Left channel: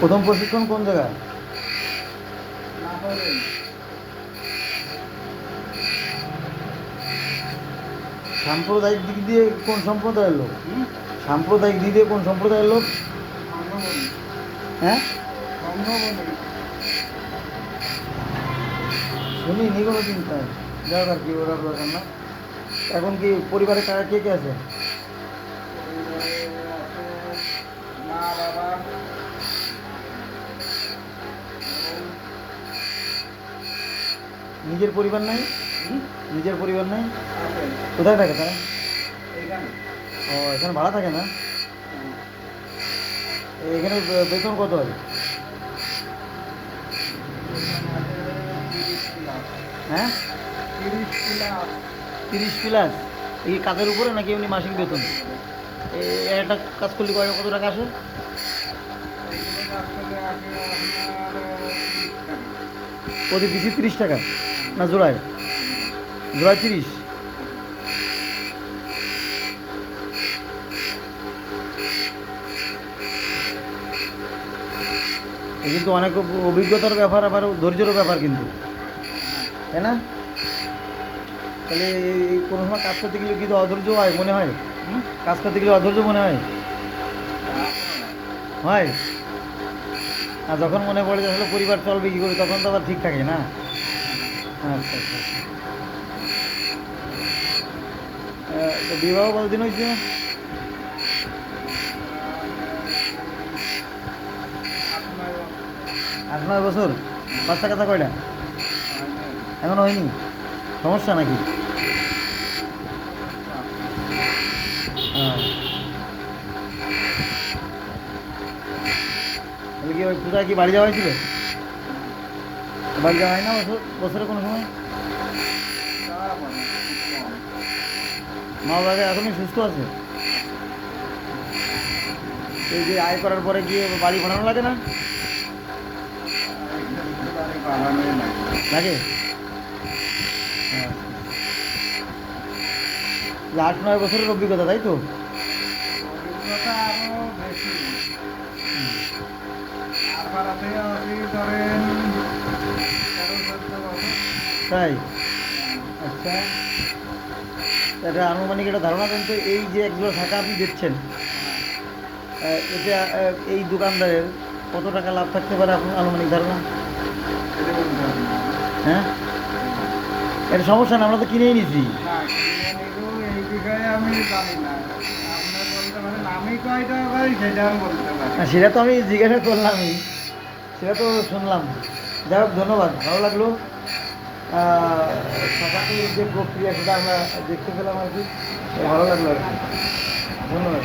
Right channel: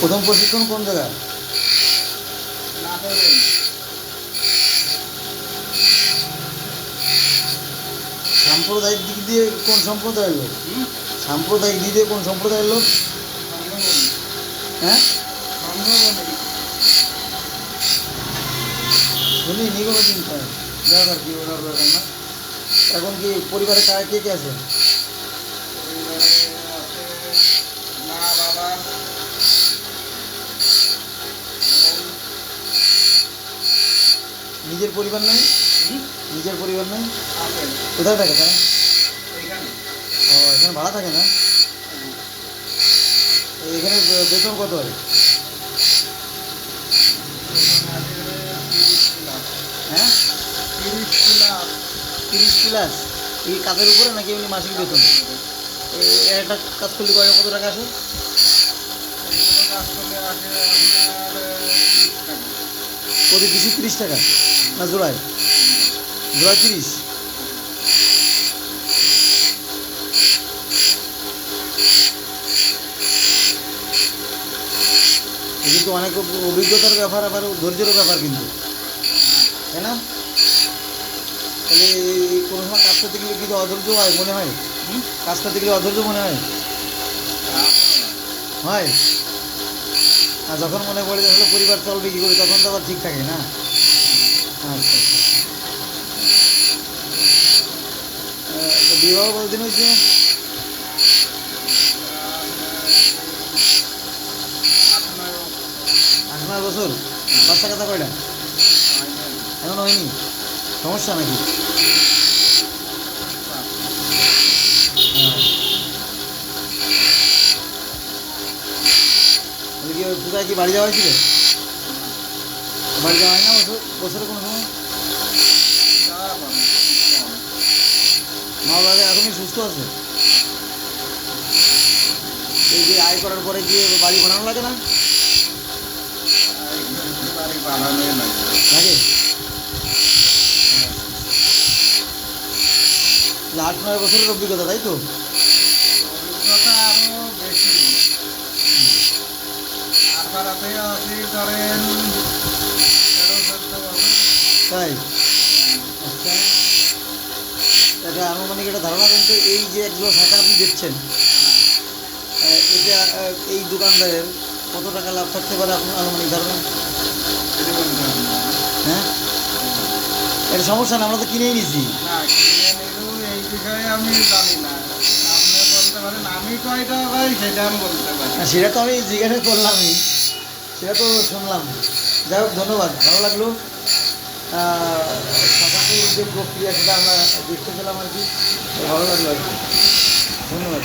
প্রথম প্রশিক্ষণ কোন জায়গায়? সাম্প্রদায়িক দিক দিয়ে কোন সম্প্রদায়ের লোক? সাম্প্রদায়িক দিক দিয়ে কোন সম্প্রদায়ের লোক? হ্যাঁ? শুনি নি কোনো দিন তাই যাও আর কি ওরা দরকার না। এখন কি পরিবারে কারা কে কে আছে? নিজের পরিবার নাই? নিজের পরিবার নাই? কোথায় থাকে তারা? ও, এখানে ভাড়া থাকে না? এখানে বেতন কত হয়? হ্যাঁ? তিরিশ প্লাস। এই কাজের উপরে নাকি এমনি মাসিক বেতন? একটা কাজ করলে কত টাকা আসে? কাজ প্রতি পিসি তিরিশ টাকা। না, জোড়ায়? জোড়ায় তিরিশ। কিন্তু অনেক অভিজ্ঞতার ব্যাপার, আবার ধৈর্যেরও ব্যাপার কিন্তু। তাই না? তাহলে এই- কোনো সময় কাজ করতে গেলে কিন্তু অধৈর্য হয় মনে হয়? কাজ করতে গেলে অধৈর্য মনে হয়? হয়। আর যখন মনে পড়ে যে আসলে পরিবার চলবে কী করে, তখন তো আবার ঠিক থাকে না। আচ্ছা আচ্ছা। তো বিবাহ কতদিন হয়েছে আট নয় বছর? বাচ্চা কাচ্চা কয়টা? এখন হয়নি। সমস্যা নাকি? তাহলে কি বাড়ি যাওয়া হয়েছিল? বাড়ি যাওয়া হয় না বছর বছরে কোনো সময়? মা বাবা এখনই সুস্থ আছে? এই যে আয় করার পরে গিয়ে বাড়ি বানানো লাগে না? লাগে? হ্যাঁ। আট নয় বছরের অভিজ্ঞতা, তাই তো? অভিজ্ঞতা আরও বেশি ধরেন তাই? আচ্ছা। এটা আনুমানিক একটা ধারণা দেন তো এই যে একগুলো শাখা আপনি দিচ্ছেন এটা এই দোকানদারের কত টাকা লাভ থাকতে পারে আপনার আনুমানিক ধারণা। হ্যাঁ? এটা সমস্যা না আমরা তো কিনেই নিছি। না কিনে নিরু এই বিষয়ে আমি জানি না, সেটা তো আমি জিজ্ঞাসা করলামই। সেটা তো শুনলাম। যাই হোক, ধন্যবাদ। ভালো লাগল। শাখাটির যে প্রক্রিয়া, সেটা আমরা দেখতে পেলাম আর কি। ভালো লাগল আর কি। ধন্যবাদ।